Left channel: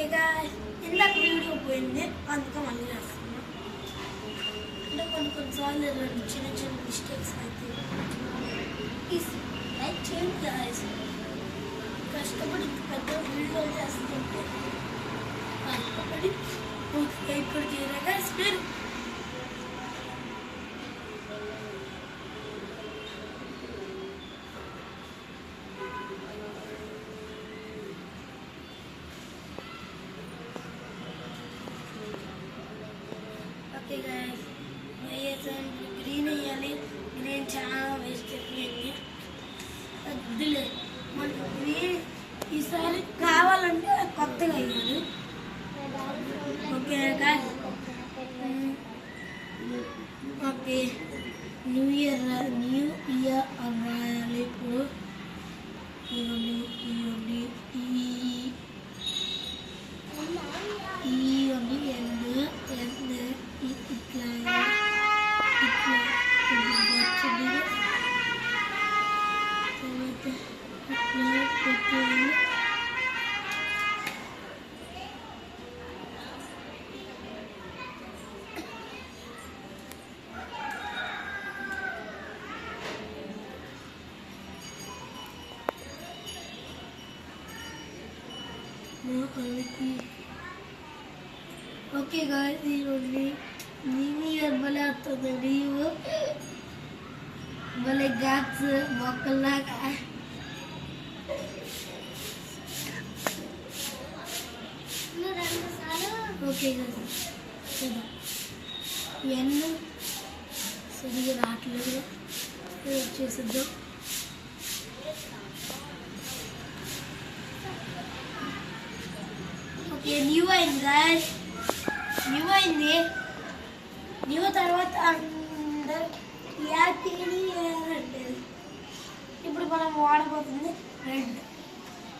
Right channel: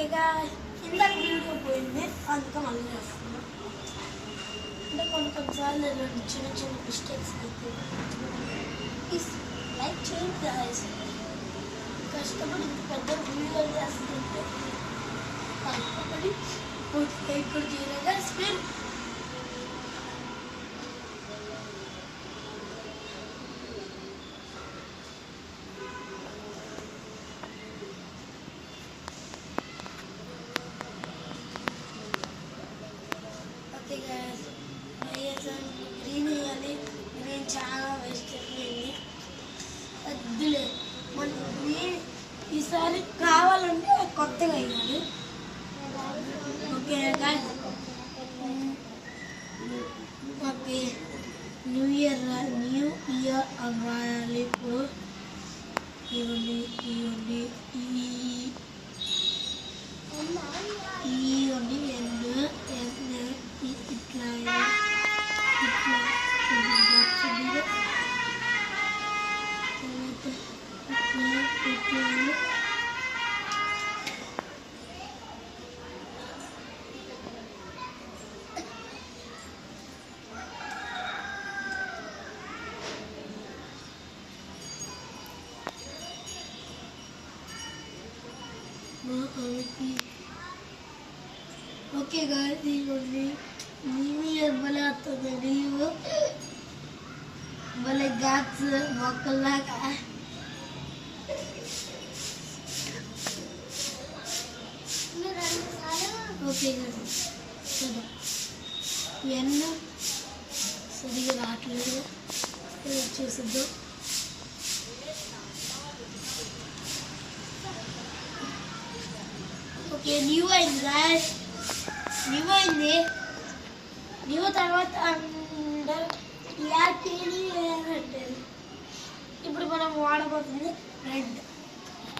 ఓకేగా ఇందాక వీడియో పోయింది అందుకే మళ్ళీ చేస్తున్నాం. అంటే కొన్నిసార్లు చిన్న చిన్న మిస్టేక్స్ అయితే ప్లీజ్ లైక్ చేయండి గాయ్స్. కష్టపడి ఇంత పెద్ద వీడియోలు చేస్తుంటే కష్టపడి లైక్ కూడా చేయలేదు గాయ్స్. మీరు గ్రీన్ వేయాలి. గ్రీన్ చాలా వేస్ట్ అయిపోయింది. వద్దులే మనకి గ్రీన్ ఈసారి కావాలంటే కొత్తగా వేయాలి. ఓకే ఓకే న్యూ ఇయర్ అవ్వాలి. ఇప్పుడు ఇవ్వండి ఓకే గాయ్స్ ఇవ్వండి. న్యూ ఇయర్ భలే వస్తుంది. నీవు భలే గాట్స్ మొక్కల్లాగా. ఓకే గాయ్స్ చూద్దాం. ఇవన్నీ సరిగ్గా రావట్లేదు. చేసిద్దాం. ఓకే న్యూ అయింది గాయ్స్. న్యూ తర్వాత అందరూ అంటే ఇప్పుడు మనం వాడబోతుంది రెడ్.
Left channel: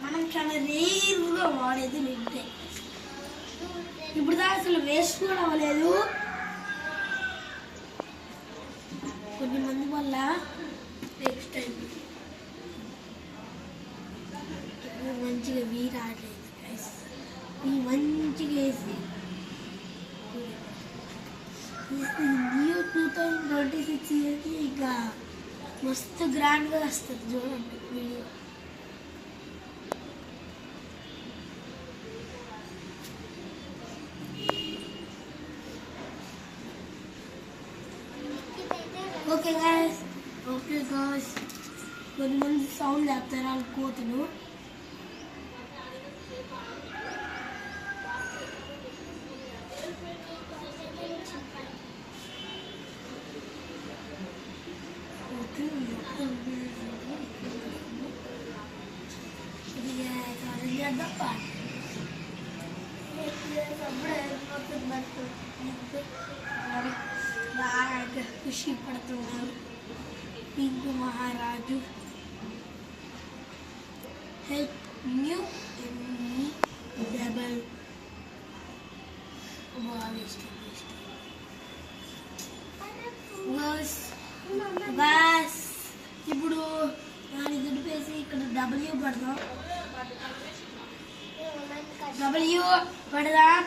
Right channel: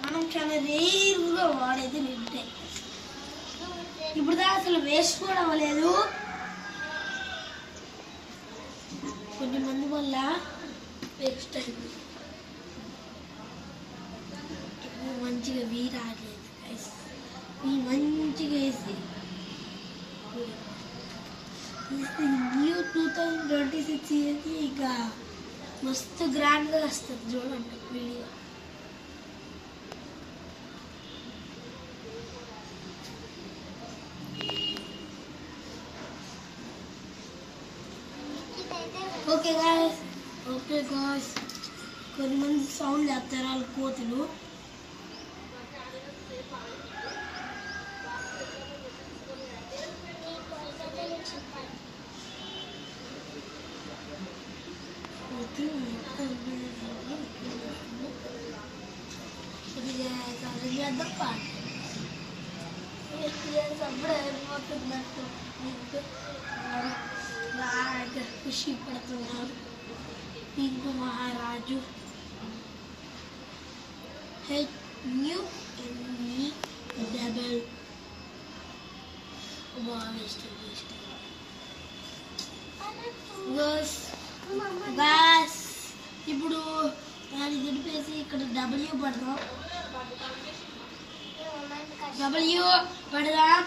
మనం చాలా రేరుగా వాడేది రెడ్డే. ఇప్పుడు దా అసలు వేస్ట్ కూడా అవ్వలేదు. కొన్ని మంది వల్ల వేస్ట్ అయింది. మంచిగా వీరాడలేదు మంచిగా వేసి న్యూ 2026 ఇయర్కి ఇక మస్తు గ్రాండ్గా వస్తుంది. చూడండి వీడియో. ఓకే గాయ్స్ కొంతమంది సౌండ్ చేస్తారు వాళ్ళ కోతులు. అయిపోతున్నట్టు బాగా ఖుషి పడుతున్నారు. పింక్ మహారాజు న్యూ డబల్ బాస్. ఇప్పుడు దాన్ని దింపేసి ఇక్కడ డబ్ల్యూ పడదాం. డబ్ల్యూ పడదాం.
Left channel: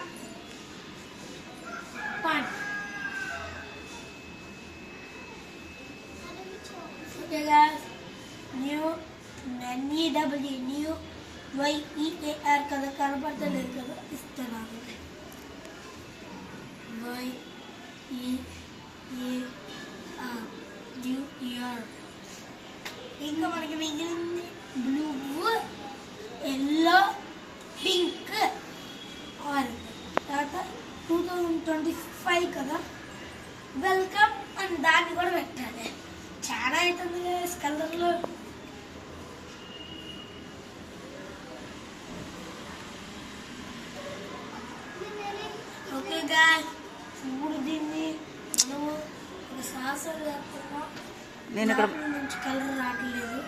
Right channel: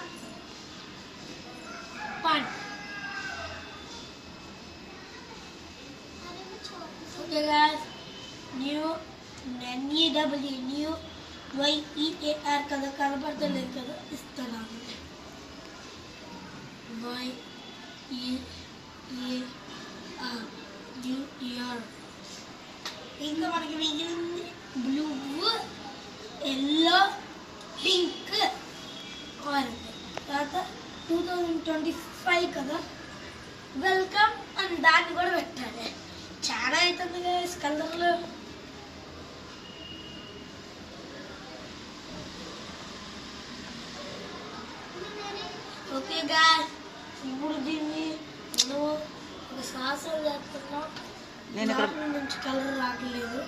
Okay guys new NEW new YEAR కదా కనపడతలేదు కదా ఇస్తున్నాను. YEAR new year. ఇంకా మనకి మిగిలింది బ్లూ, ఎల్లో, పింక్, ఆరెంజ్. తర్వాత 2025 కదా వెల్కమ్ అని దాన్ని కూడా పెట్టాలి. చాలా అవుతుంది గాయ్స్ కలర్లు. ఓకే గాయ్స్ ఇప్పుడు దీన్ని మనం ఒక శ్వాసం చేస్తున్నాం. దాంట్లో నుంచి కలర్ రావట్లేదు.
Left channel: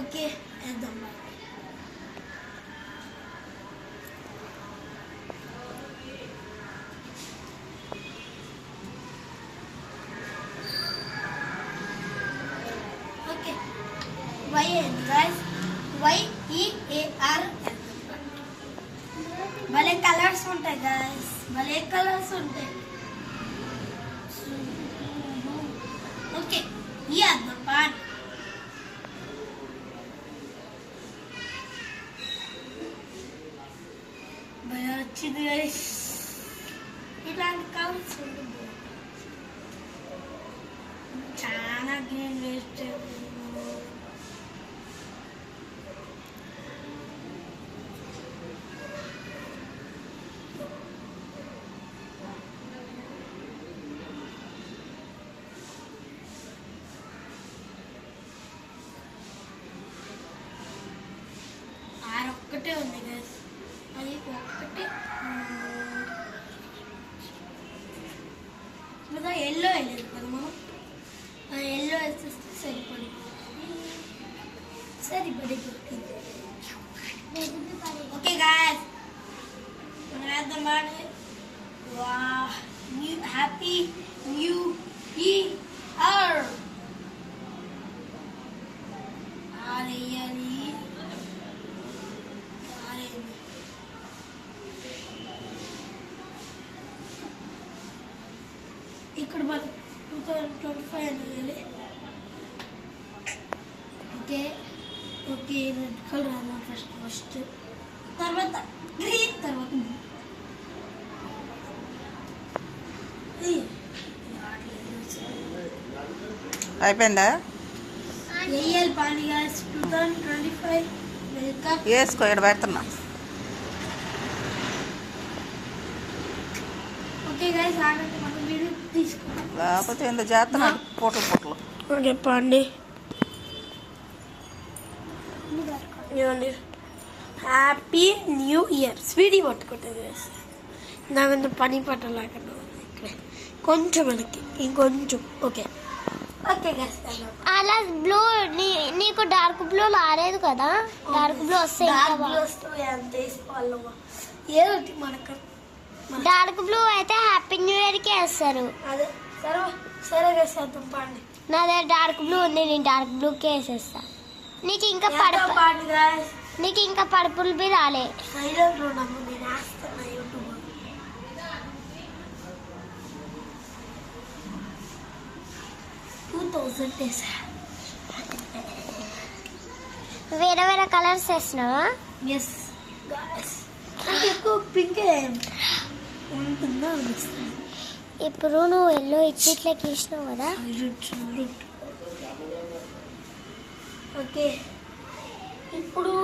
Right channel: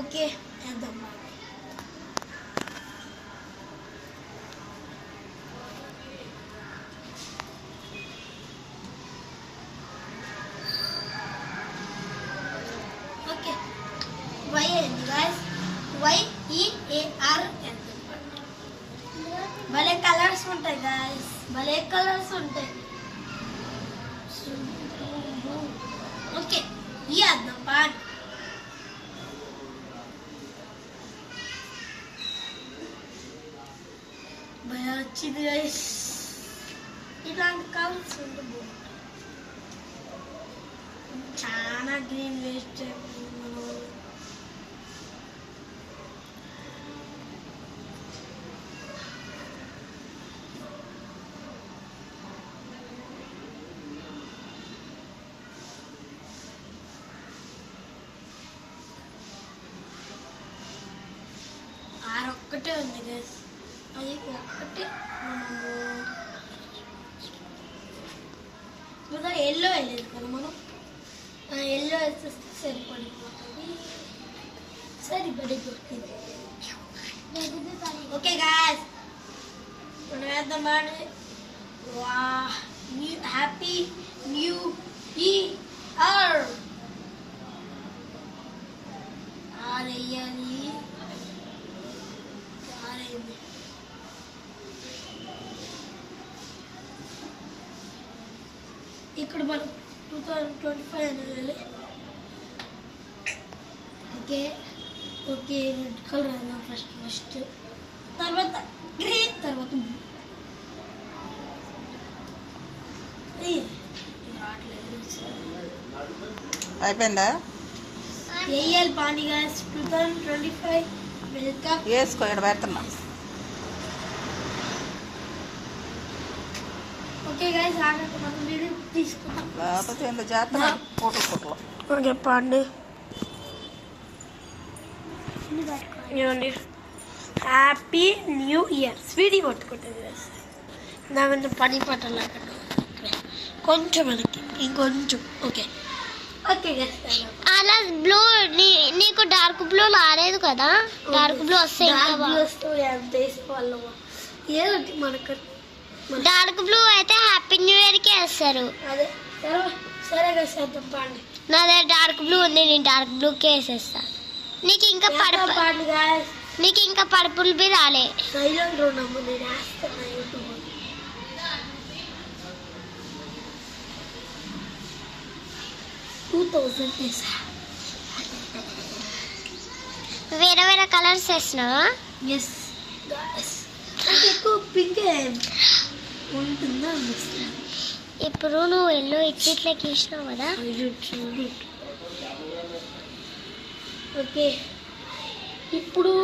ఓకే వేద్దాం. ఓకే వై అయింది గాయస్. YEAR. భలే కలర్స్ ఉంటాయి గాయస్, భలే కలర్స్ ఉంటాయి. ఓకే, ఈ అర్థం పాట భలే వచ్చింది గాయస్. ఇలాంటి కలర్స్ ఉంటుంది. చాలా గ్రీన్ వేస్ట్. ఒక్కటే ఉంది గైస్, అది ఒక్కటే. ఇంకా ఎల్లో వేయలేదు కదా మనం, ఆ ఎల్లో వేసేస్తే సరిపడిపోతుంది. ఓకే గాయస్, మనం వేద్దాం బాగా. Happy new year. ఆరేయాలి. ఇక్కడ మనం 2025 అనేది. ఓకే ఓకే, రెడ్ కలర్ అన్నాం ఫస్ట్, తర్వాత గ్రీన్, తర్వాత అయిపోయిందా? ఏఎల్ పాండిగా 2025 వెల్కమ్. వేసుకో, ఇక్కడ పెడుతున్నా. ఓకే గైస్, ఆగండి, మనం వీడియో తీసుకుంటాం. లేకపోతే ఎంత చేస్తా ఫోటోలు. ఓకే పాండి, ఇవ్వండి. Happy new year. స్వీటీ పట్టుకుంటుంది గైస్, దాని పని పట్టాలంటే కొంచెం వెనక్కి, ఇంకొంచెం. ఓకే ఓకే గైస్, అలా బ్లూ నీకు డార్క్ బ్లూ రాలేదు కదా, డార్క్ బ్లూ వస్తే ఎంత వేసుకోవాలి ఏదో మనకు. డార్క్ బ్లూ అయితే హ్యాపీ న్యూ ఇయర్ కి వేస్తారు. అదే సరే సరే గైస్, చేద్దాం పాండి. నా దగ్గర డార్క్ బ్లూ ఉంది, నేను డార్క్ బ్లూ కి వేసేస్తా. నీకు ఇంకా పర్పుల్ బి రాలే. సైలెంట్ ఉన్నాము, నేను వేస్తున్నా యూట్యూబ్. వేరే వేరే కలర్స్ వేసినావా? ఎస్ గాయ్స్, ఎక్కువ పింక్ ఉంటుందా. ఇప్పుడు నువ్వు ఎల్లో ఇట్లకి ఇచ్చినావు కదా. ఓకే, ఇప్పుడు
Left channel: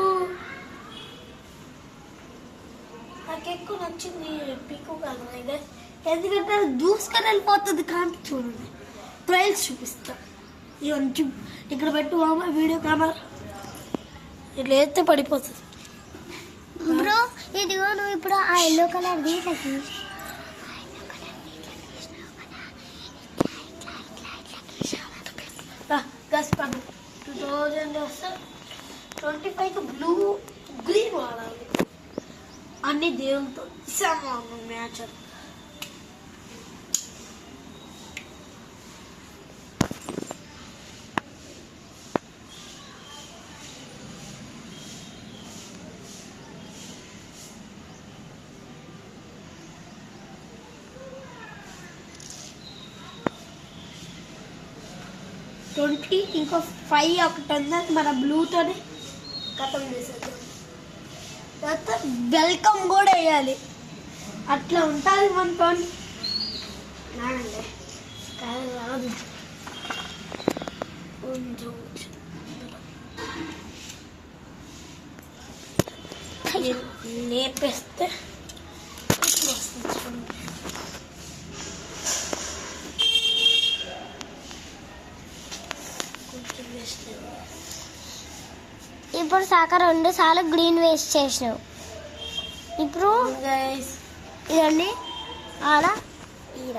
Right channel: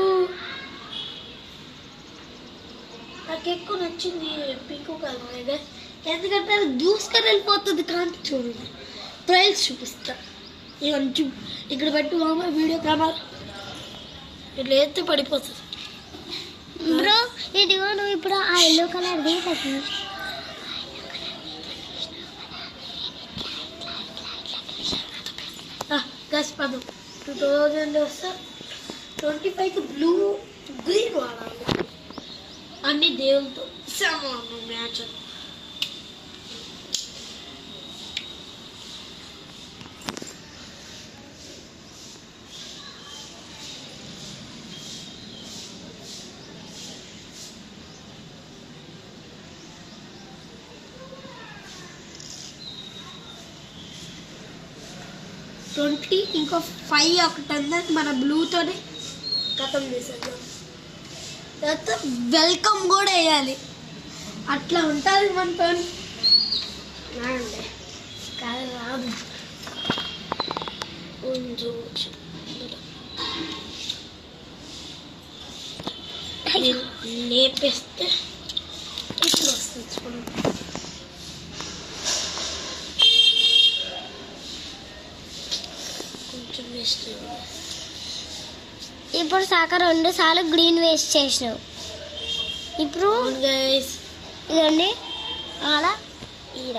నాకు ఎక్కువ నచ్చింది పింక్ కలర్, ఎందుకంటే అది దూసుకొని వెళ్ళిపోతుంది. కాంతి చూడండి, ట్రైల్స్ చూపిస్తా. ఇక ఇక్కడ పెట్టు వీడియో కెమెరా, ఇట్లా వేస్తే పడిపోతుంది. బ్రో ఇదిగో, నువ్వు ఇప్పుడు ఆ ఎల్లో కలర్ గస్ పడు 2025 బ్లూ గ్రీన్ వాడాలి. అన్ని దేవులతో సమానం మ్యాచ్. ఇంకో 5 ఒకటి అందరికి మన బ్లూతోనే కథం చేసేద్దాం. తర్వాత వెల్కమ్ కూడా వేయాలి, అట్లా ఉంటుంది మనతో. నాడండి కాదు రాదు, లేపేస్తే ఇప్పుడు వస్తుంది. ఇప్పుడు సాక 2 సార్లు గ్రీన్ వేస్ట్ చేసినావు. ఇప్పుడు ఇదండి ఆడ ఈడ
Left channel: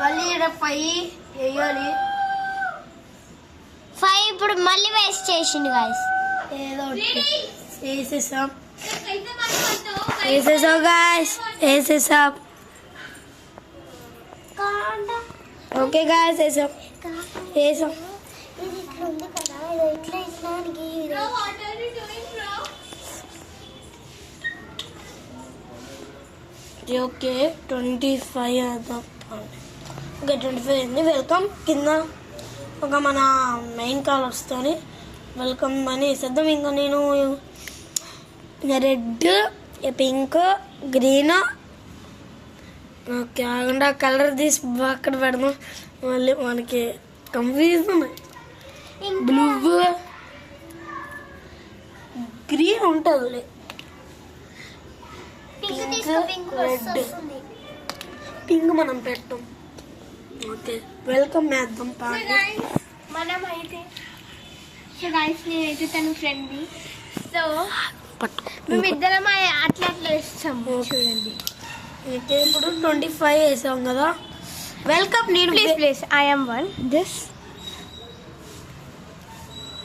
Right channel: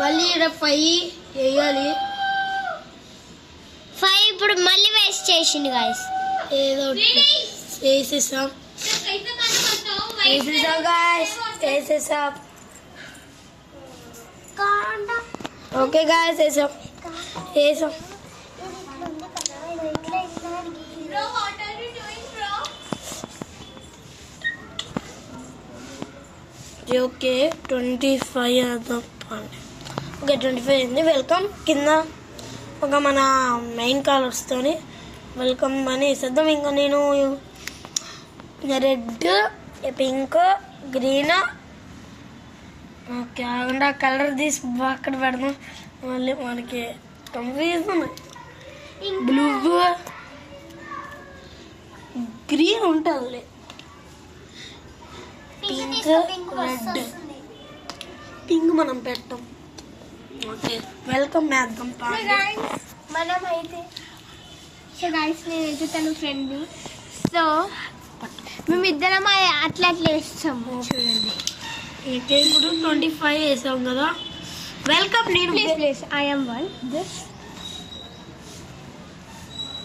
మళ్ళీ ఈడ 5 వేయాలి. 5 ఇప్పుడు మళ్ళీ వేస్ట్ చేసింది గాయస్. ఏదో వేసేసాం గాయస్, వేసేసాం. ఓకే గాయస్, వేసాం. ఓకే 25 అర్థం ఓకే 25 అయింది. వెల్కమ్. కింద ఒక మన మెయిన్ కాల్ వస్తుంది, వెల్కమ్ అని వేసేద్దాం. ఇంకా నేను రెడ్, పింక్, గ్రీన్, ఓకే ఆగండి కలర్ తీసి అక్కడ పెడదాం, మళ్ళీ మనకి కన్ఫ్యూజన్. బ్లూ, గ్రీన్ ఉంటుంది, పింక్, రెడ్, పింక్ మనం పెట్టాం. ఓకే వెల్కమ్ వేద్దాం. మనం అయితే సో గైస్ నేనైతే తను ఫ్రెండ్, సో మేమిద్దరం అట్లా అట్లా వేస్తాం చూడండి. ఇప్పుడు 25 వేసాం కదా. వెల్కమ్. నేను ప్లీజ్ ఐఎమ్ వన్ దిస్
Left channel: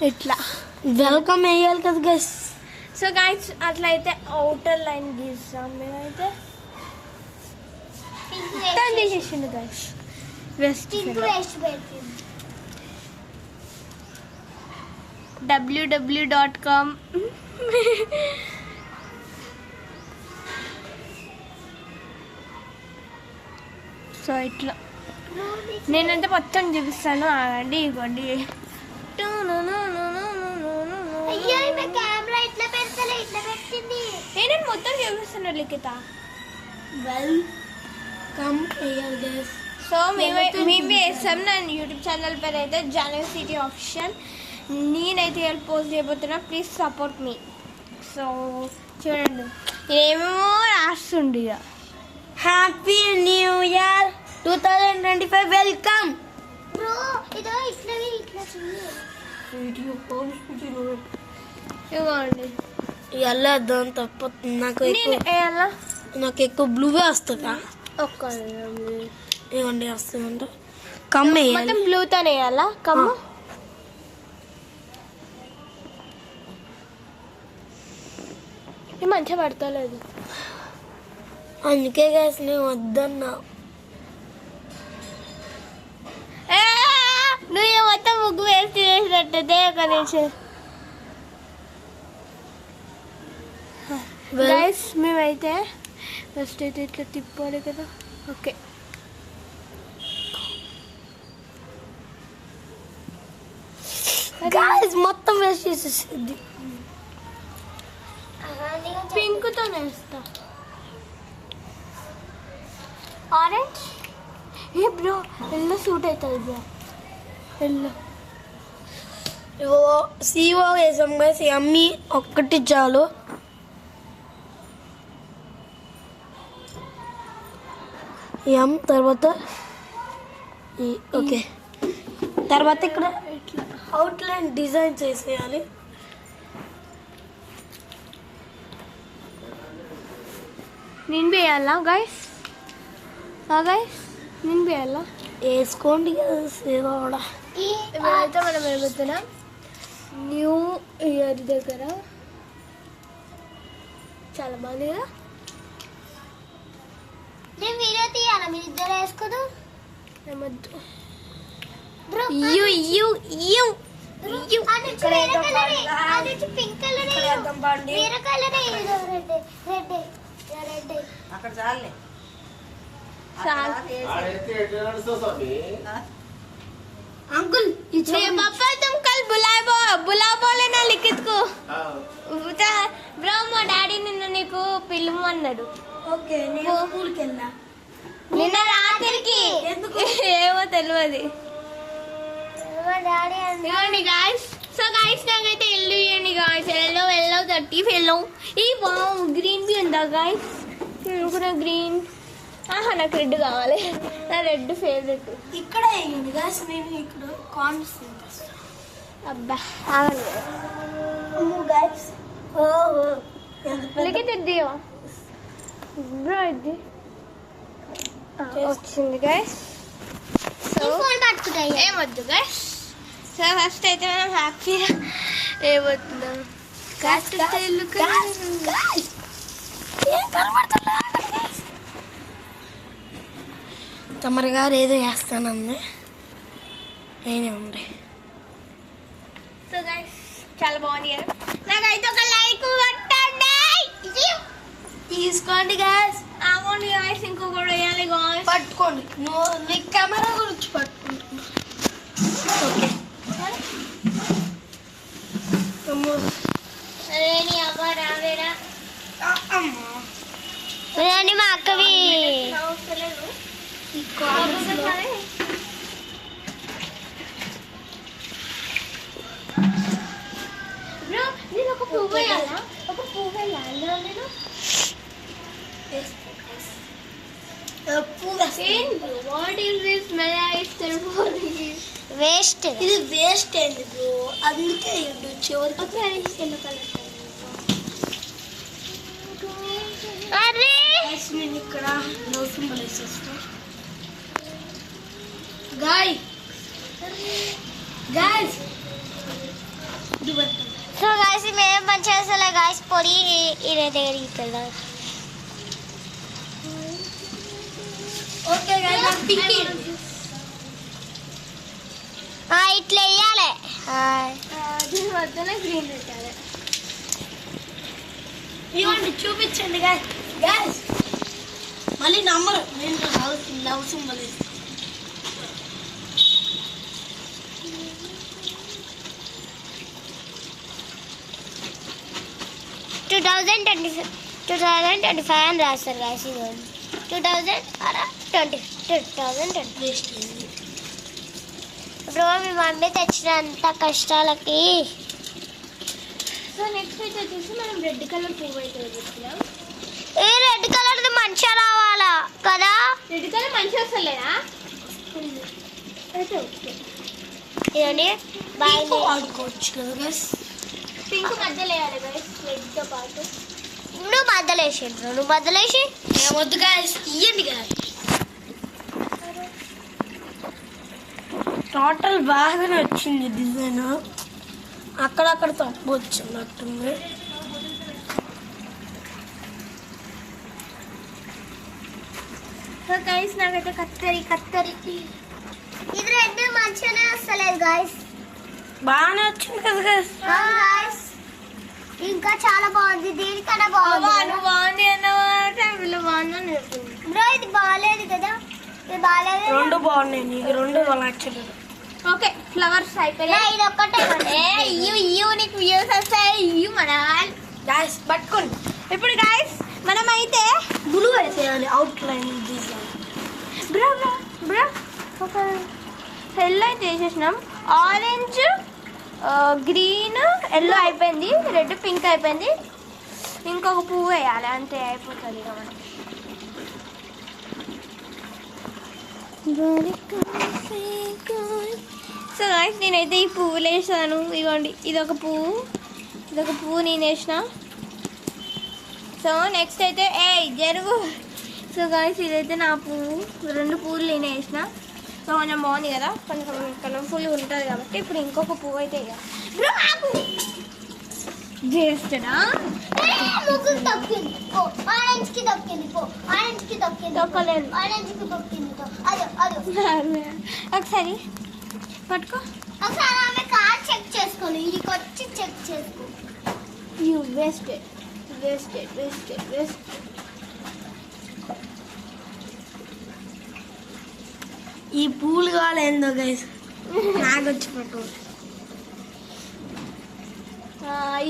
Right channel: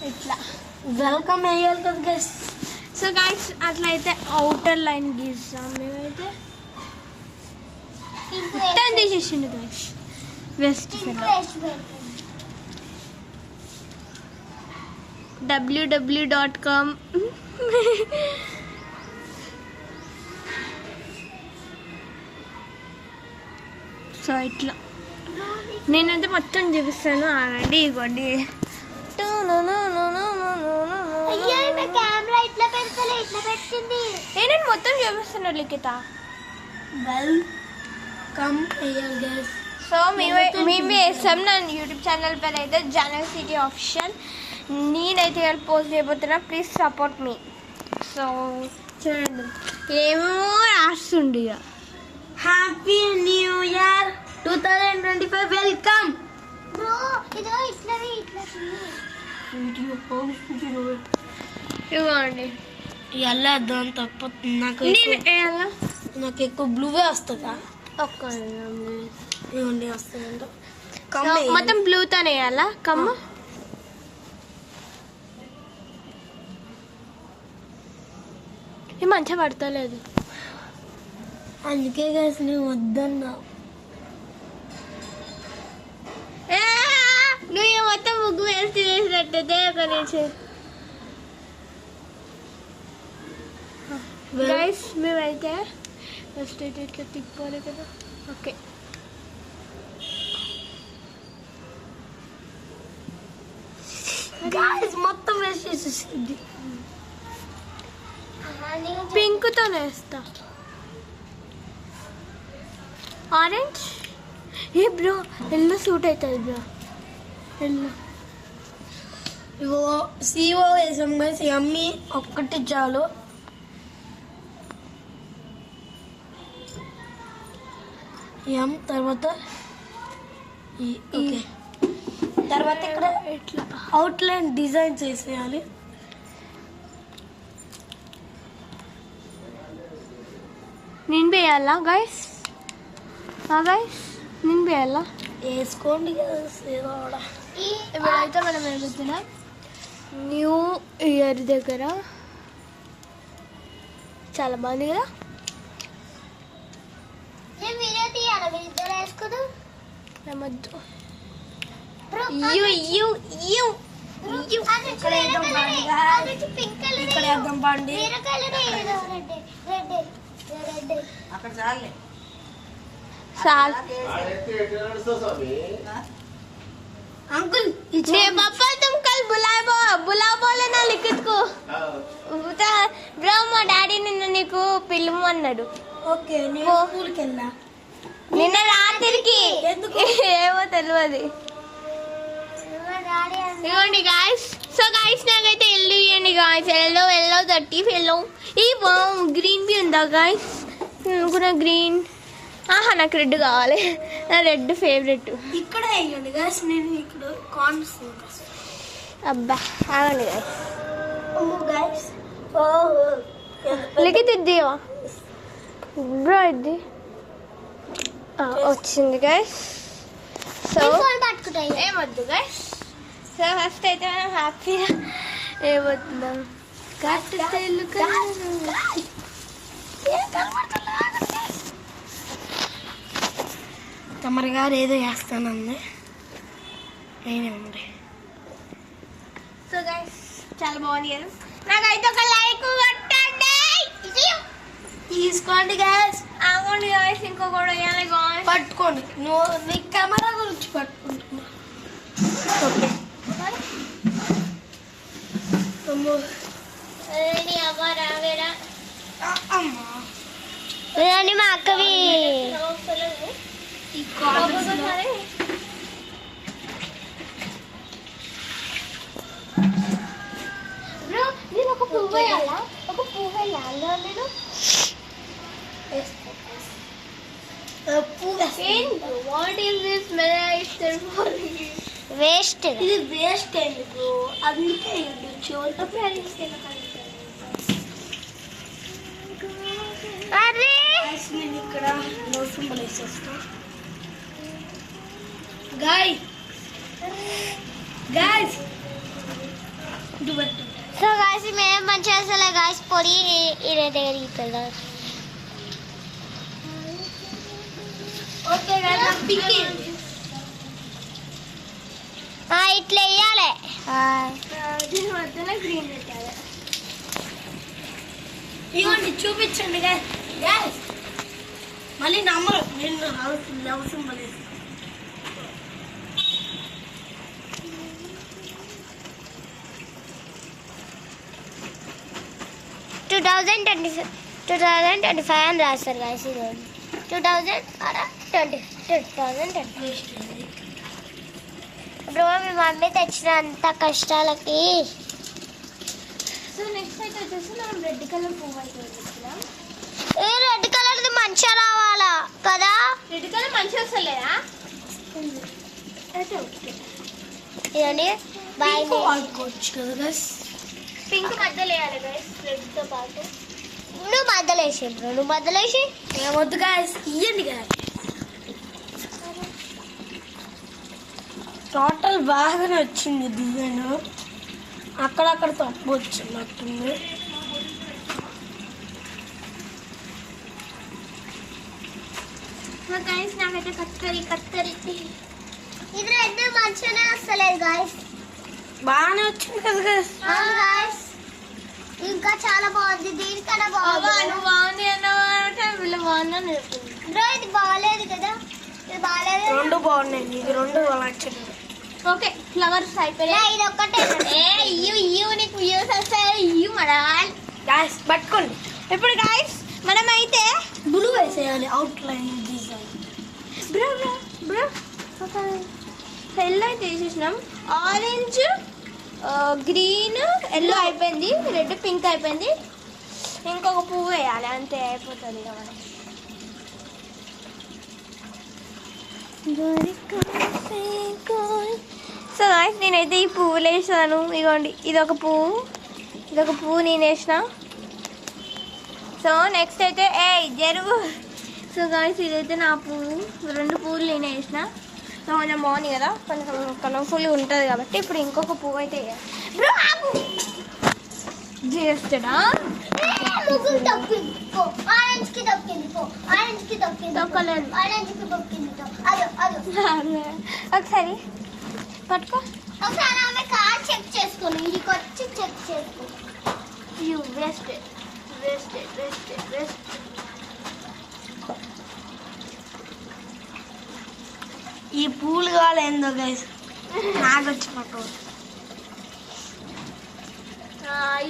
ఇట్లా వెల్కమ్ వేయాలి కదా గైస్. సో గైస్ అట్లా అయితే అవుటర్ లైన్ గీస్తాం మేమైతే. మొత్తం తీసేసిండు గైస్ వెస్ట్ www.com. సో ఇట్లా నేనంటే మొత్తం చూపిస్తాను, ఆగండి. ఇవ్వండి నేను మొత్తం చూపిస్తున్నాను లిఖిత. వెల్కమ్ వేయాలి గైస్. సో మేము వేస్తాం. నా యూట్యూబ్ ఛానల్ పేరు అయితే జనరల్ సిటీ ఆఫీషియల్. నేనైతే పోస్ట్ చేయబోతున్నా, ప్లీజ్ సపోర్ట్ మీ. సో చూడండి ఏమో రాస్తుండే. Happy new year 2025. వెల్కమ్. ఇవ్వండి ఎలా దాని తప్ప నాకు ఎక్కువ బ్లూగా వస్తుందా? ఒక్క ఇవ్వండి వస్తుంది. కమ్మ మొత్తం బ్లూతోనే వేయాలా కమ్మ? ఈ మంచిగా పడతలేదు, అందుకే గైస్ నేను వద్దన్నా. నువ్వు మొత్తం ముగ్గు వేసి వేసినట్టయితే ఒక నిమిషం. గైస్ మేమైతే ఫస్ట్ అయితే ఇట్లా తిప్పాలి కదా. ఓకే గైస్ మొత్తం వేసేసేది. పింక్తో వేస్తా. ఆరెంజ్ ఏ బ్రో ఎల్లో సూట్ అవుతుంది బ్రో, ఎల్లో. ఇవో సిఓ వేసాం గైస్. అమ్మి ఒక్కటి చాలు. ఎం తర్వాత ఓకే. తర్వాత ఇక్కడ ఇట్లా అవుట్లైన్ డిజైన్స్ వేసేయాలి. నిండి వేయాలా గైస్? గైస్ నిండి వేయాలా? వేసుకోండి కదా ఏదో కూడా. ఇప్పుడైతే మనం ఏమవుతున్నాం న్యూ ఇయర్ దగ్గర. చాలా బాగుంది కదా. ఏమొద్దు యూ యూ యూ అక్కడ చాలే. అంకుల్ पापा तुम कल बुला बोले ना लिखित को ब्रो మా డాడీ నిన్న నీకు పిలుము అన్నాడు. ఓకే నేను స్కూల్కి వెళ్ళా నిన్న రాత్రికి, ఏమో తెలియదు. ఇవ్వండి గాయస్. సో గాయస్ నాకైతే ఎల్లో ఇవ్వండి గాయస్. Yellow 30 yellow. ఈ గ్రీన్ బి ఉందా గాయస్? అనుకున్నా గ్రీన్. నాకు రెడ్ కావాలి, నా రెడ్ ఫేవరెట్. ఇక్కడ వేయండి గాయస్. నేను ఇప్పుడు కార్న్స్ అబ్బా ఆగండి గాయస్. అమ్మో గాయస్. లిఖిత్ ఇది బ్రో, ఇది వచ్చింది గాయస్. సో ఏమొద్దు గాయస్. సో ఫస్ట్ అయితే మనం హ్యాపీగా ఏమవుతుందాం. తమరి గారు ఏదో చేస్తానండి. నేనే ఉండే గైస్ చాలా బాగుంది కదా. నాకైతే ఒక లైక్ కొట్టండి. తీసుకోండి guys. ఆగండి గాయస్, ఇంకో కూడా వేయాలి గాయస్. పట్టుకోండి, నువ్వు నీ కెమెరా గురించి పట్టుకుంటున్నా. ఓకే అదేని అవ్వ రావేరా. అమ్మా లేదండి మా అక్కవి ఈ కార్డ్స్ బ్రో నేను ఒక పువ్వు వేయాలా? ఒక పువ్వు వేయాలా నేను? వాట్ ఈస్ దిస్ మెలాయిస్టర్ ఫర్ దిస్? వేస్ట్. ఇది వేస్ట్ అయింది బ్రో, అందుకే చివరికి అరే నేను ఇక్కడ లవ్ సింబల్ వేసేస్తా. గాయ్స్ ఇది బట్టి సో గాయస్ మేము మంచిగా అసలు గాయస్ పొడి ఈయన దగ్గరికి వెళ్ళారు. ఓకే గాయ్స్, నాకు పింక్ ఇట్లా వేయాలి. దీని మధ్యలో గ్రీన్ పెట్టాలి. ఇవ్వండి చూపించండి గాయ్స్. మళ్ళీ నమ్మరు, నేను లవ్ సింబల్ వేస్తాను. టూ 2025 అని రాస్తారు గాయస్. ఇది 2020 వేస్ట్ అయింది. బ్రో మీ మమ్మీ తెచ్చినంత కష్టాలకి సో నెక్స్ట్ అయితే వచ్చేసి మనం రెడ్ కలర్ పువ్వు అయితే వేసుకుందాం. ఈ రెడ్ కలర్ మంచిగా రావాలా కదా. రెడ్ కలర్ మంచిగా వస్తలేదా? అయితే ఓకే. ఇదండి బాయ్. పింక్ వాడుకోవచ్చు కదా గాయ్స్. పింక్ మధ్యలో వేయాలి గైస్, రెడ్ తో పాటు. నువ్వు మధ్యలేసి వద్దు గాయ్స్, ఇయ్యండి గాయ్స్. టోటల్ బాగానే వచ్చింది డిజైన్, అక్కడక్కడ తప్పు వచ్చినట్టుంది. సో గైస్ నాకైతే కత్తరి ఇది రెడ్ మంచిగానే వస్తలేదు గాయస్. బాగానే వచ్చింది కదా గాయ్స్. గాయస్ ఇంకా చాలా బాగుంది, దీనికన్నా నువ్వు బాగుంది అన్నమాట. వీళ్ళు బాగుందని చెప్పింది. బ్రో ఇది బాగాలేదు కదా, ఇది బాగాలేదు. రెండు బాగున్నాయి, నీకు రెండు నచ్చలేదు. ఓకే ఫ్లవర్స్ అయిపోయాయి. ఇది ఒక్కటే ఇయ్యు నీకు వ్యూస్ వస్తాయి. ఇయ్యు మడాల్. గాయ్స్ పట్టుకోండి. ఇప్పుడు గైస్ మనం అయితే బ్లూ వేసేయాలి అవుట్ లైన్ డిజైన్. బ్రో ఒక ఎల్లో అయితే వేసేసినాం. ఆరెంజ్, గ్రీన్, ఎల్లో అయిపోయింది. రెడ్, పింక్ అయిపోయింది. ఇంకొక పువ్వు వేయాలి, అంతే అయిపోతుంది ఇక మనకి. సో గైస్ నేనైతే ఈ పువ్వులు వేసాను. ఇదిగోండి, ఇదొక పువ్వు నేను వేసిన. సో నెక్స్ట్ అయితే జరుగు. సో గైస్ ఇదైతే నా పువ్వు, రెండు పువ్వులు నేను వేసిన. సో కొంచెం బాగుంది కదా, కొంచెం కలర్ఫుల్ ఉంటుంది కాబట్టి ఇప్పుడు ఇంకొక పువ్వు అయితే చేస్తాడా. ముగ్గురు తప్పింది పో, ఆరెంజ్ కి తప్పింది పో, ఆరెంజ్ కి తప్పింది దొక్కలేదు. ఆరెంజ్ కి తప్పింది అదో ఒకసారి పట్టుకో. ఒకసారి ఆమె కార్ చెక్ చేసుకోండి, ఇడికి వచ్చి చెక్ చేసుకో. You wasted. ఈ పూలు కావాలి ఏందో గైస్, నాకు వచ్చి పట్టు.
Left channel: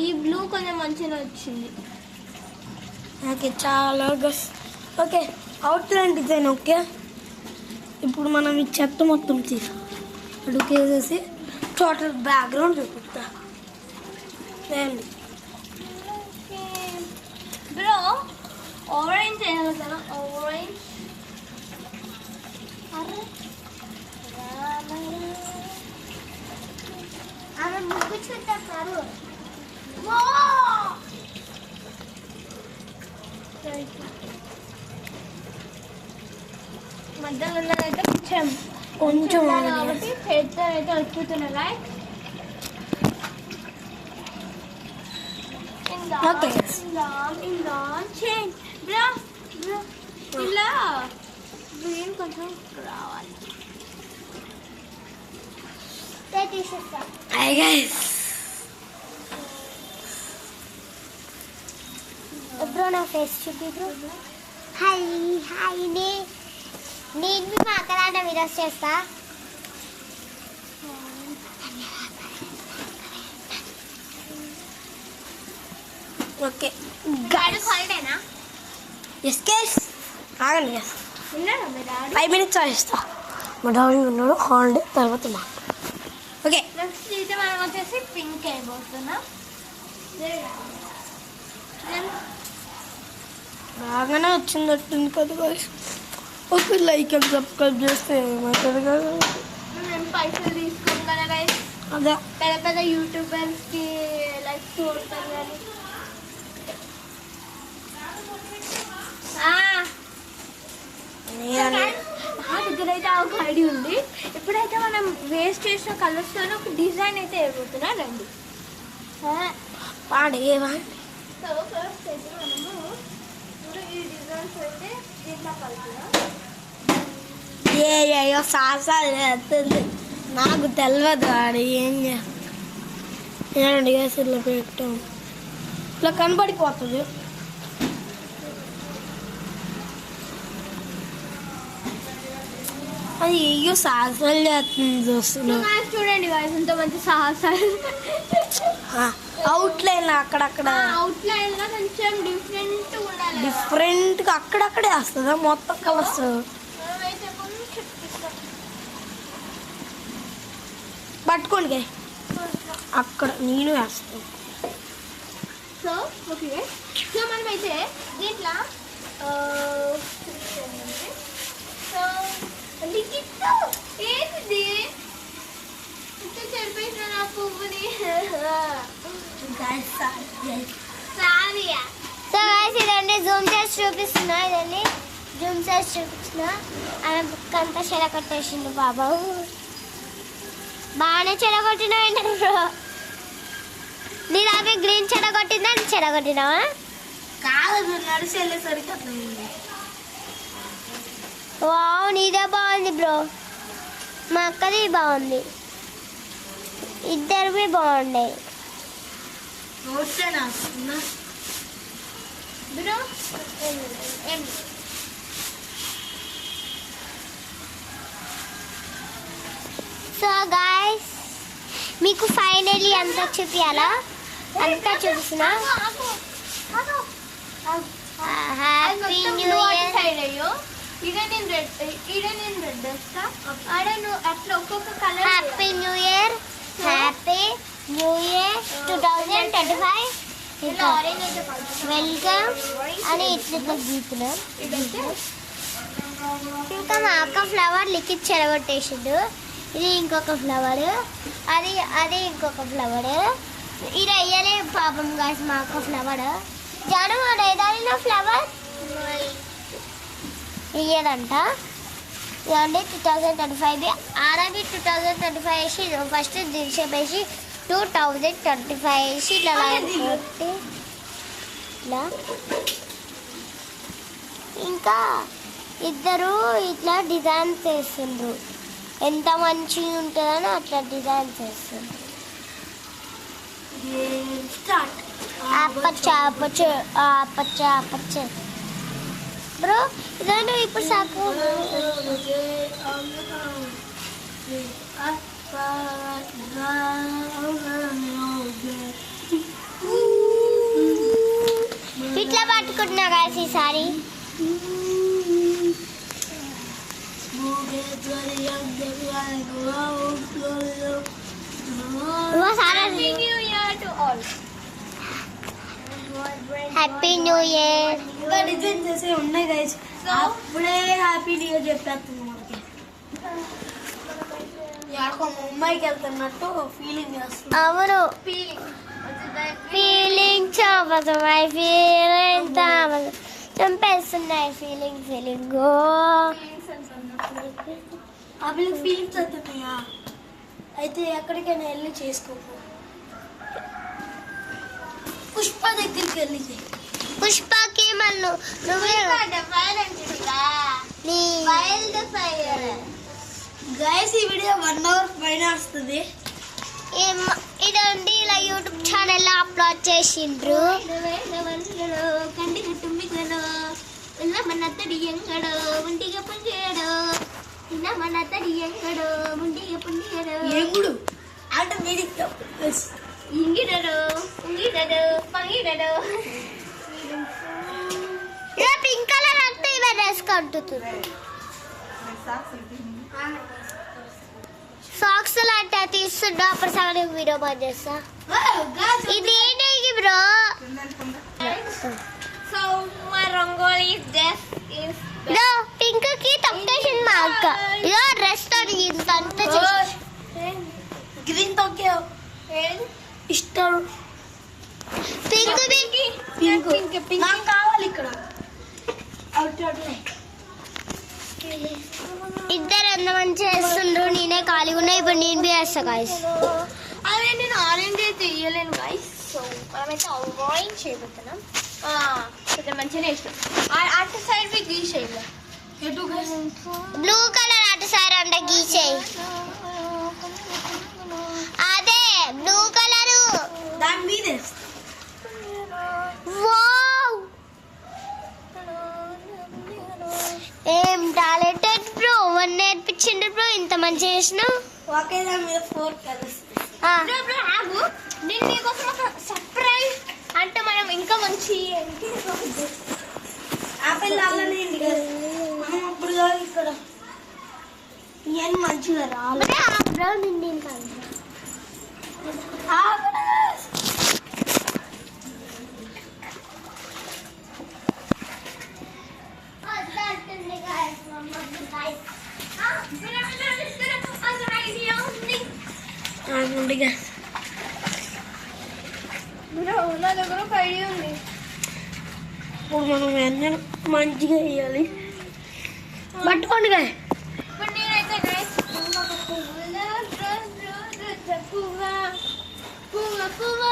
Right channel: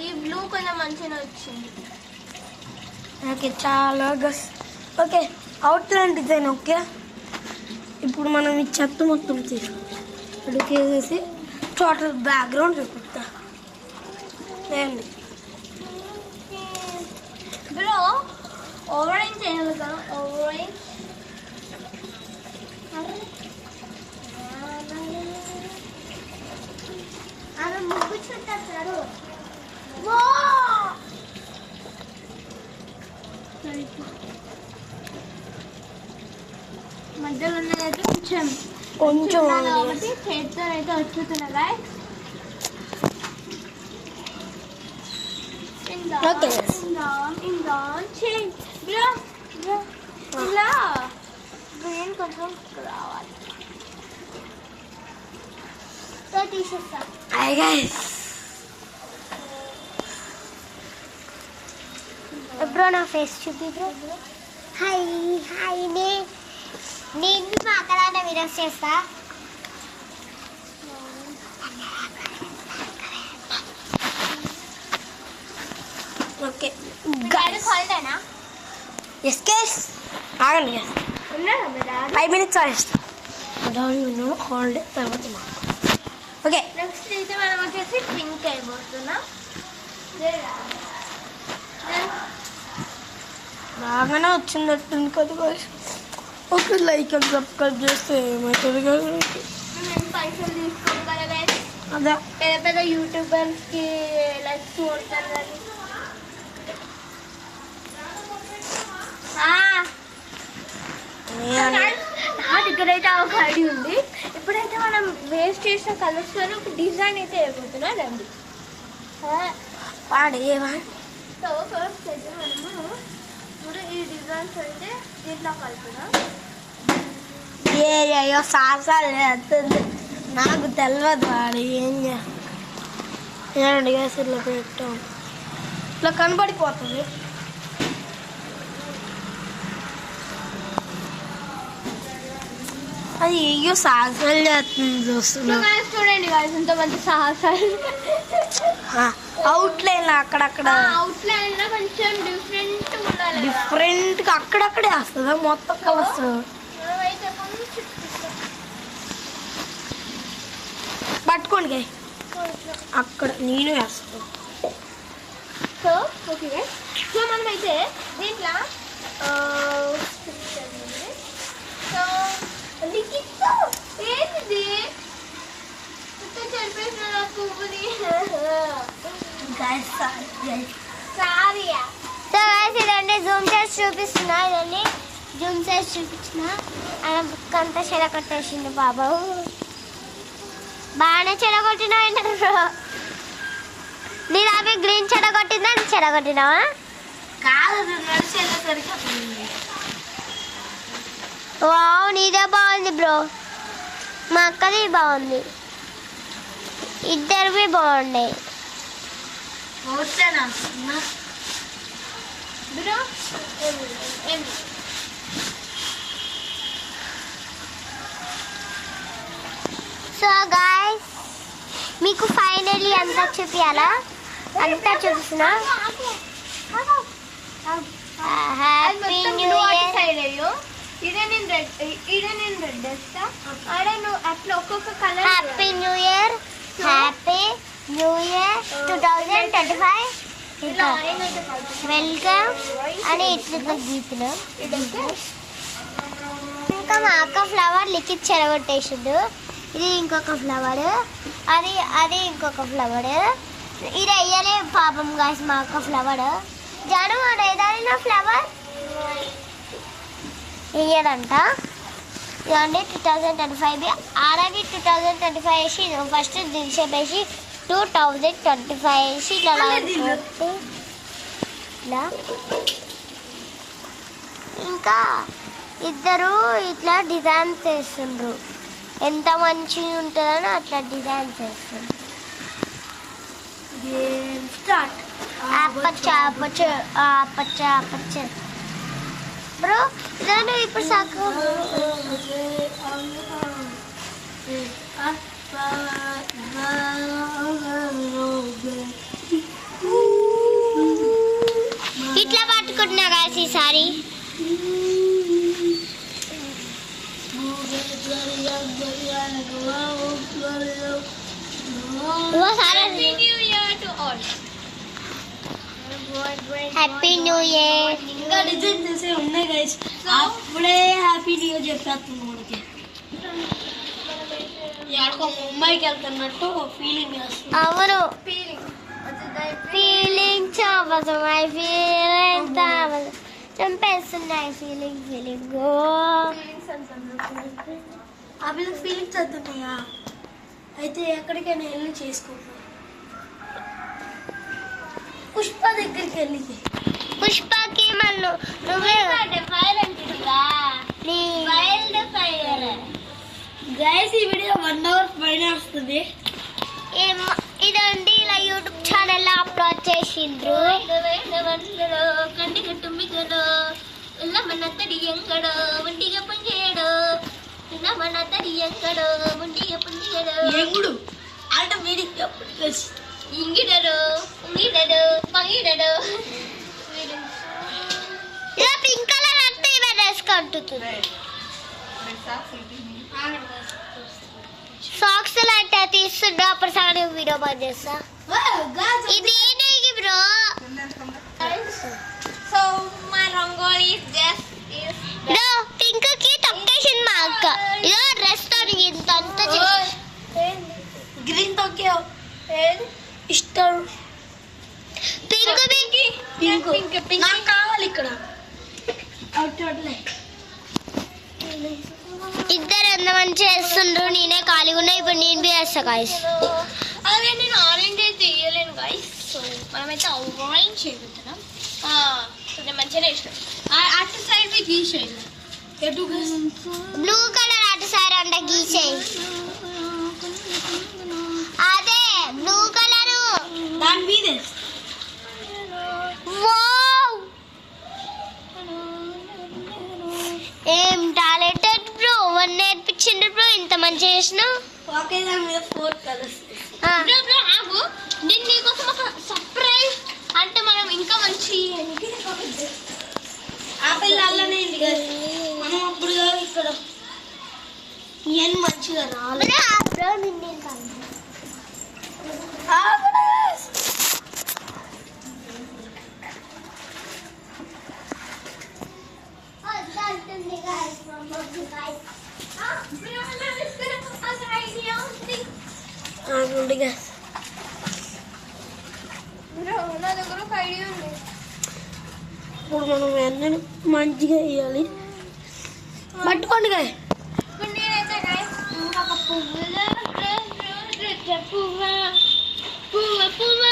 ఈ బ్లూ కొంచెం మంచిగా వచ్చింది. ఓకే చాలా guys. Okay outline design okay. ఇప్పుడు మనం ఈ చెత్త మొత్తం తీసి అడుగేసేసి టోటల్ బ్యాక్గ్రౌండ్ చూపిస్తా. లేండి బ్రో ఆరెంజ్ చేయాలి కదా, ఆరెంజ్. ఆమె ముగ్గు చూస్తారు. మధ్యలో ఉన్నదంటే కొంచెం కొంచెం చేతితో అయితే వచ్చుతున్నారా. ఓకే చేంజ్ బ్రో ఇలా గ్రీన్ కొంచెం రావాలి. తీసేస్తా. హాయ్ గైస్, బ్రో నా ఫేస్ చూపి బ్రో. హాయ్ హాయ్ నేను మా అక్కడాట వీడియోస్ చేస్తా. ఓకే హాలిడేనా? ఎస్ కేస్ ఆగండి కదా, ఉన్నారా మీ డాడీ? 5 minutes చేస్తా. మా డాడీ ఉన్నాడు, హాలిడే తర్వాత మాకు. ఓకే నెక్స్ట్ అయితే మనం వచ్చేసి పింక్ అయిపోతున్నాం. బాగానే వచ్చిందట్టుంది కదా guys. Okay like and subscribe చేస్తే ఏమవుతుంది కదా. మేము పైసలు తీసుకోం కదా గైస్. అదే పెద్ద పెద్ద యూట్యూబర్స్కి లైక్స్ కొడతారు కానీ నా దగ్గర అయితే ఒక ఐడియా ఉంది. ఇప్పుడైతే మనం వేస్ట్ చేసిన కలర్స్తో ఒక డిజైన్ అయితే వేయబోతున్నా రండి. పాడేవా సో ఫస్ట్ అయితే మనము ఇప్పుడు ఈ డిజైన్స్ అయితే దీంట్లో కలుపుతున్నాం. ఏయో సాసాలు చేస్తుంది, నాకు తెలియదు ఆడు ఏం చేయండి guys. ఇట్లా పెట్టాం, ఇట్లా కనబడిపోతుంది. అది ఏయో సాసాలు చేస్తుంది చూస్తున్నా. చూడండి guys, ఎంత మంచి సాహసాలు. అవుట్లైన్ అక్కడక్కడ అవుట్లైన్ లో కొంచెం డిఫరెంట్ ఉండాలి. డిఫరెంట్ గా అక్కడక్కడే వస్తుందా మొత్తం కలర్స్? మనమైతే కొంచెం పట్టుకోండి guys. అక్కడ నేను వేస్తాను. సో ఓకే, సో మనమైతే దీంట్లో సో లిఖిత్ ఏంటిది చెరిపేసిన నా పువ్వుని. సో గైస్ ఇదండి జూమ్ చేసి చూపిస్తున్నా. ఇదండి జూమ్ చేసి చూపించిన ఆయన బుక్ అంతా చెడగొట్టేసిండు బాబు. బాగానే చెడగొట్టినా బ్రో. నీ దాకా గ్రీన్ చెడగొట్టిందా, నీ చెడగొట్టినావా? కాదు నడిచేసరికి వావ్ నీదే బాగుంది బ్రో. మా అక్కది బాగుంది, ఇద్దరివి బాగున్నాయి. బ్రో సో గాయస్ మీకు ఫైనలీ అంతా చూపించాలా, అంతా చూపిస్తున్నా. Happy new year. సైడ్ అయ్యో ఇదే నేను రెడ్ వేస్తా. అరే నువ్వు అట్లా ఒక్కొక్క colour. Happy new year, happy new year 2025. ఇంకా ఆరెంజ్ అయితే కలుపుతా. వెల్కమ్ అని ఇట్లా గీతున్నాం. ఇంకా మా అక్క ఫ్లవర్ లిఖిత్ చెరగొట్టేసిండు. ఇది ఇంకొక ఫ్లవర్, అది ఇంకొక ఫ్లవర్. ఇది అయ్యలే పాపం కాసి మా అక్క ఫ్లవర్. జాను ఏదాని నా ఫ్లవర్ ఇయ్యడంట. ఇదండి 2025 ఆడవి 2025 వేసి ఫస్ట్ దిల్షేపేసి 2025 వేసి ఇట్లా కొట్టి ఇట్లా. ఇంకా ఇద్దరు ఇట్లా డిజైన్స్ చేస్తుండ్రు. ఎంత మంచిగా ఉంటుందని అట్లా డిజైన్స్ చేస్తుండ్రు. ఆపచ్చ బ్రో ఇదండి ఇప్పుడు సాకు. ఇట్లా పట్టుకుంటున్నా కాసి ఈసారి. Happy new year. ఇంకా డిజైన్ చేసి ఉన్నాయి గైస్, అప్పుడే హ్యాపీ న్యూ ఇయర్ చెప్పేస్తుంది మనకి. ఎక్కడికో ముంబైకి వెళ్తున్నట్టు ఫీలింగ్ వస్తుంది. అవును, ఫీలింగ్ ఫీలింగ్ చంపేస్తున్నాయి. ఫీలింగ్ అవి ఫీలింగ్స్ వస్తున్నాయా? అయితే ఎక్కడికైనా వెళ్ళి చేసుకోపో. పుష్ప దగ్గరికి వెళ్ళి పుష్పకి మళ్ళీ నువ్వే గైస్ ఈ వీడియో 1 hour పైన వస్తుంది. ఇదండి ఇలా యూట్యూబ్ ఛానల్లో అప్లోడ్ చేసిండ్రు. కంటికి తుమ్మిగలో ఇలా మన తడి ఎంగడో ఉండిగా పుంజేయడో ఇలా మన తడి ఎంగడో ఉండిగా పుంజేయడో ఎంగుడు అంటే మీది ఇంగిడడు ఉంగిడడు పంగిడడు. ఇలా పింక్ కలర్ అంటే ఇవే వేసుకుంటుంది. సాక్స్ అంటే తీస్తుండ్రు అప్పుడు సగం వీడియో బంద్ చేస్తా. ఇది ఏంటి బ్రో? సో మై రంగోలీ ఇదో పింక్ కి తొక్కేసింది మా అక్క. ఇదో డ్రెస్ తో ఇంత అంతా చేసి గ్రీన్ తోకే ఇష్టం. పింక్ పింక్ నాకు కావాలి ఇక్కడ. ఇద్దరు ఎంత మంచి చేస్తుండ్రు. నేనే ఖాళీగా ఉన్నా. ఇప్పుడు నేను వేస్తా గాయస్. అదే నేను ఆరెంజ్ అయితే వేయలేను గాయస్. సో మనమైతే ఆరెంజ్ చేయబోతున్నాం. కొంచెం మంచిగానే ఇష్టం. అటు సైడ్ బి గీసేయాలి. బ్లూ కలర్ అటు సైడ్ అంటే గీసేయి. అదే బ్లూ కలరు దాని మీద వావ్ ఏం టాలెంటెడ్ బ్రో. వన్ నేర్పించిండు బ్రో. ఇంత మంచి చేసినావు. ఒకే దాని మీద 4 కలర్స్. ఆగు, నేను నీకోసం ఒక సర్ప్రైజ్. అంటే మనం ఇంకా మంచి ఆపిల్ అలానే మనం అప్పుడు ఇక్కడ ఇవన్నీ మంచిగా రావాలి. బ్రో నిన్నేం కాదు. నా దగ్గర ఒక ఐడియా ఉంది. ఇప్పుడు మనం అన్నీ మంచిగా వేయాలి. పట్టుకోండి గాయ. ఇప్పుడు నేనైతే గైస్ ఇంకొక పువ్వులో పువ్వ పువ్వ పువ్వ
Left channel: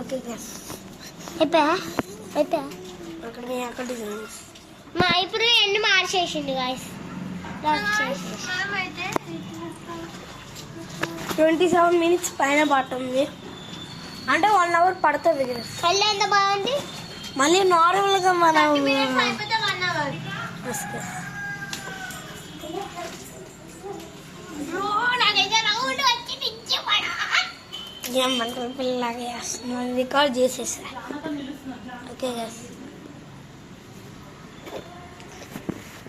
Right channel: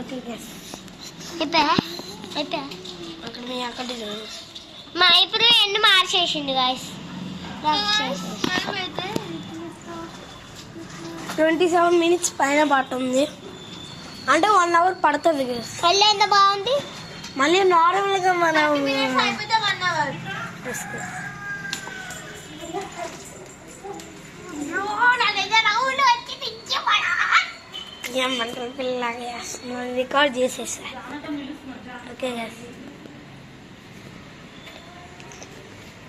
ఓకే గైస్. అయిపోయా అక్కడ మా ఇప్పుడు ఎన్ని మార్చేసిండు గాయస్. 27 minutes పైన పడుతుంది. అంటే 1 hour పడుతుంది గైస్. పెళ్ళి ఎంత బాగుంది. మళ్ళీ నార్మల్గా మనం అయిపోతే 1 hour. నాకైతే రౌండ్ వచ్చి పిచ్చిపడా. ఏమంటారు పిల్లలాగా చేస్తున్నాం. రికార్డ్ చేసేసా. Okay guys.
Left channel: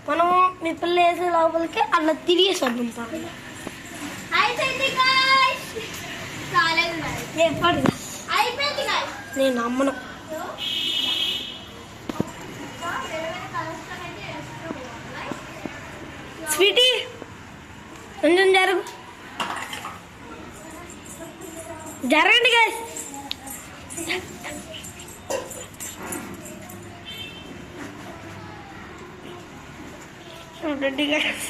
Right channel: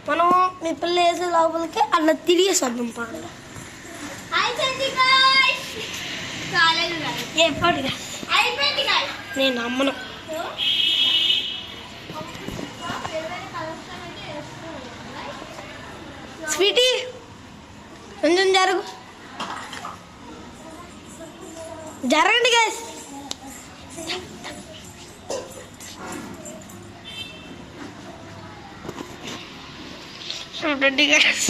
మనం మీ పిల్ల వేసే లోపలికి అలా తిరిగేసాం పాలు. అయిపోయింది guys. కాలేదు guys. ఎప్పుడు అయిపోయింది guys. నేను నమ్మను. స్వీటీ కొంచెం జరగండి గైస్. చూడండి గైస్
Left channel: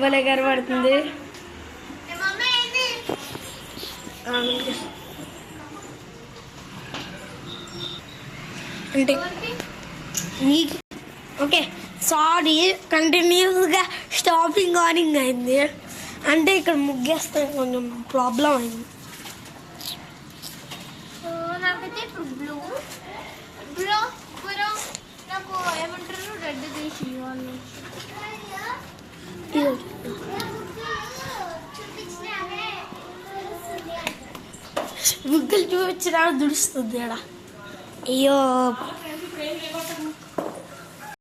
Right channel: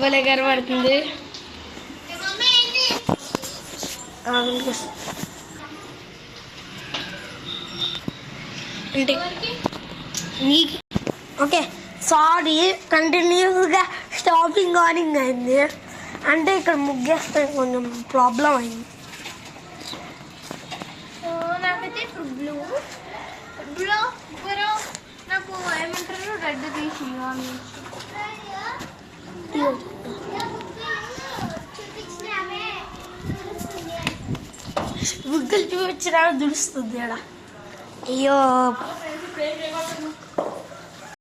భలే కనబడుతుంది. అంటే నీకు ఓకే సారీ కంటిన్యూస్గా స్టాపింగ్ ఆనింగ్ అయింది. అంటే ఇక్కడ ముగ్గేస్తే కొంచెం ప్రాబ్లం అయింది. నాకైతే ఇప్పుడు బ్లూ నాకు ఏమంటారు రెడ్ తీసి ముగ్గులు చూపించినా దుడుస్తుంది అక్కడ. అయ్యో